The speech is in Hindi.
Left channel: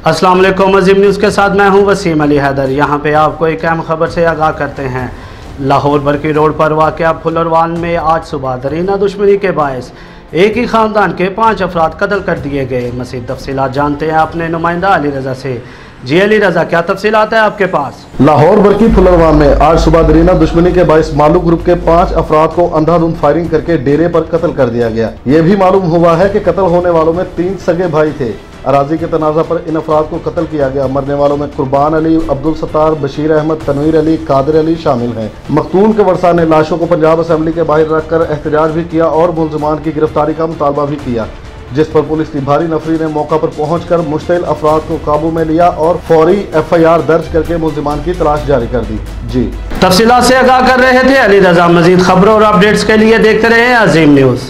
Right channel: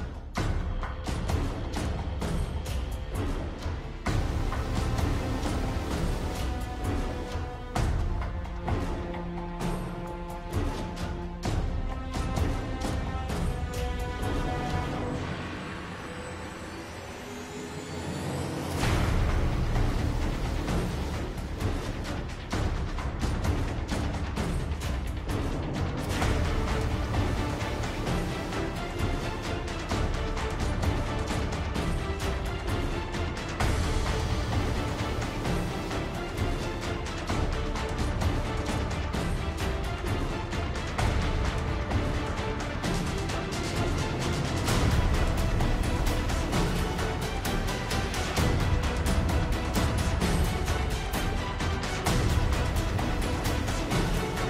अस्सलाम वालेकुम। अजीम न्यूज़ के साथ मैं हूं वसीम अली हैदर। यहां पे आपको एक अहम खबर से आगाह करते हैं। लाहौर बरकी रोड पर वाक़या फुलरवान में आज सुबह दरीना दुश्मनी के बायस एक ही ख़ानदान के 5 अफराद कत्ल कर दिए गए। मज़ीद तफसीलात जानते हैं अपने नुमाइंदा अली रज़ा से। जी अली रज़ा, क्या तफसीलात है आपके पास? लाहौर बरकी फुलरवान में आज सुबह दरीना दुश्मनी के बायस मालूम ग्रुप के 5 अफराद को अंधाधुंध फायरिंग करके डेरे पर कत्ल कर दिया गया। ये भी मालूम हुआ है कि कत्ल होने वालों में 3 सगे भाई थे। अराजी के तनाज़ा पर इन अफराद को कत्ल किया गया। मरने वालों में कुर्बान अली, अब्दुल सत्तार, बशीर अहमद, तनवीर अली, कादिर अली शामिल हैं। मकतूल के वर्सा ने लाशों को पंजाब असेंबली के बाहर रखकर एहतजाज भी किया और मुल्ज़िमान की गिरफ्तारी का मुतालबा भी किया, जिस पर पुलिस की भारी नफरी ने मौका पर पहुंचकर मुश्तिल अफराद को काबू में लिया और फौरी FIR दर्ज करके मुल्ज़िमान की तलाश जारी कर दी। जी तफसीलात से आगाह कर रहे थे अली रज़ा। मज़ीद खबरों और अपडेट्स के लिए देखते रहे अजीम न्यूज़।